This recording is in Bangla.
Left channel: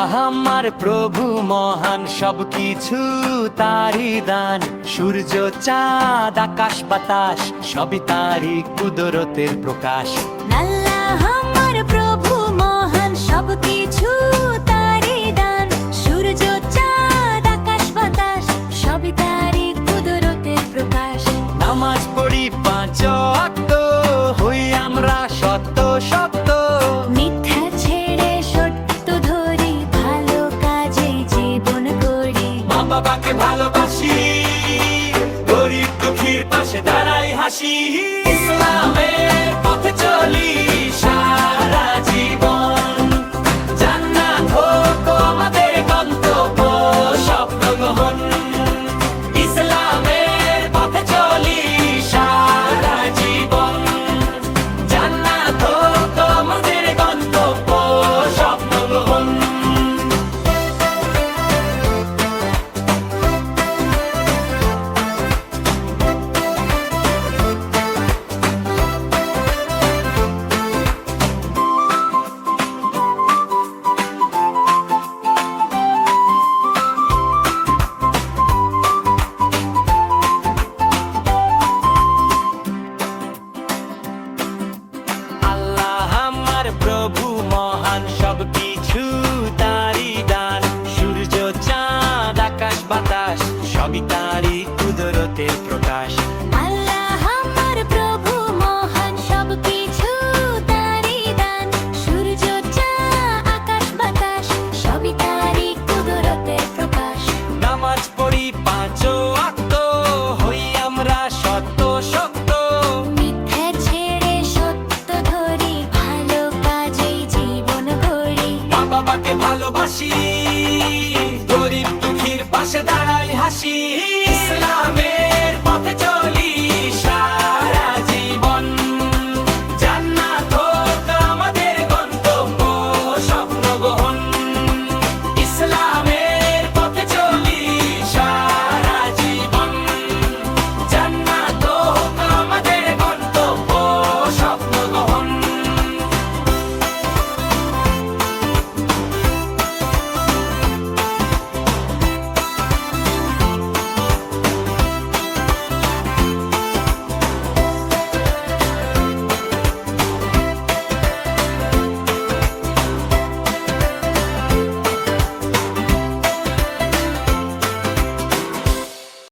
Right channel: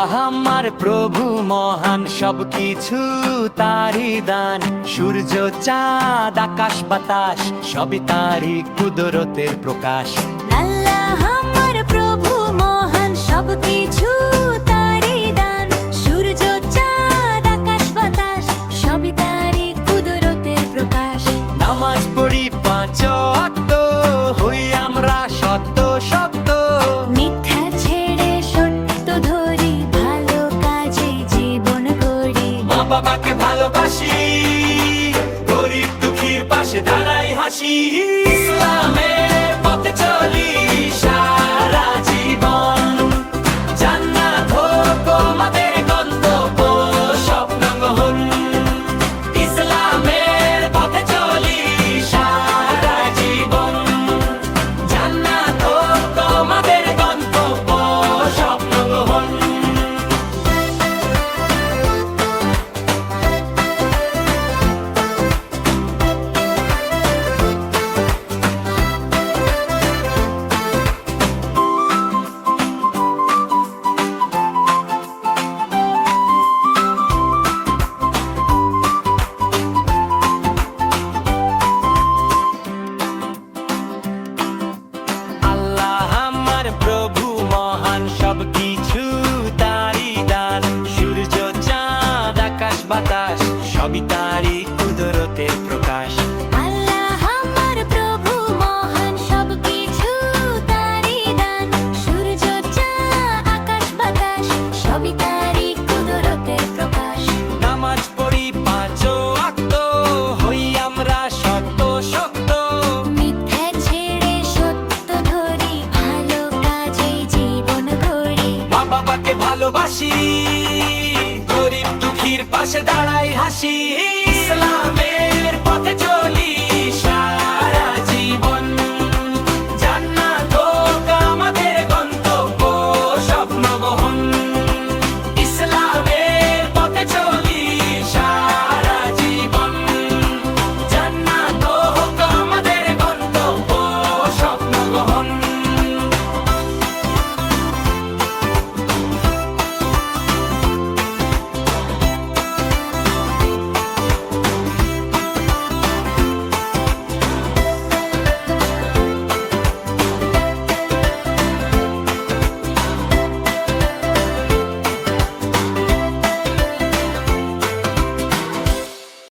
আল্লাহ আমার প্রভু মহান, সবকিছু তারই দান। সূর্য চাঁদ আকাশ বাতাস সবই তারই কুদরতের প্রকাশ। আল্লাহ আমার প্রভু মহান, সবকিছু তারই দান। সূর্য চাঁদ আকাশ বাতাস সবই তারই কুদরতের প্রকাশ। নামাজ পড়ি পাঁচ ওয়াক্ত, হই আমরা সত্য সত্য। মিথ্যা ছেড়ে সত্য ধরি, ভালো কাজে জীবন গড়ি। মা বাবাকে ভালোবাসি, গরিব দুঃখীর পাশে দাঁড়াই হাসি। ইসলামের পথে চলি সারা জীবন, জান্নাত হোক আমাদের গন্তব্য, স্বপ্ন গ্রহণ। ইসলামের পথে চলি সারা জীবন, জান্নাত হোক আমাদের গন্তব্য, স্বপ্ন গ্রহণ। আল্লাহ আমার প্রভু মহান, সবকিছু তারই দান। সূর্য চাঁদ আকাশ বাতাস সবই তারই কুদরতের প্রকাশ। আল্লাহ আমার প্রভু মহান, সবকিছু তারই দান। সূর্য চাঁদ আকাশ বাতাস সবই তারই কুদরতের প্রকাশ। নামাজ পড়ি পাঁচ ওয়াক্ত, হই আমরা সত্য সত্য। মিথ্যা ছেড়ে সত্য ধরি, ভালো কাজেই জীবন গড়ি। মা বাবাকে ভালোবাসি, গরিব দুঃখীর পাশে দাঁড়াই হাসি। ইসলাম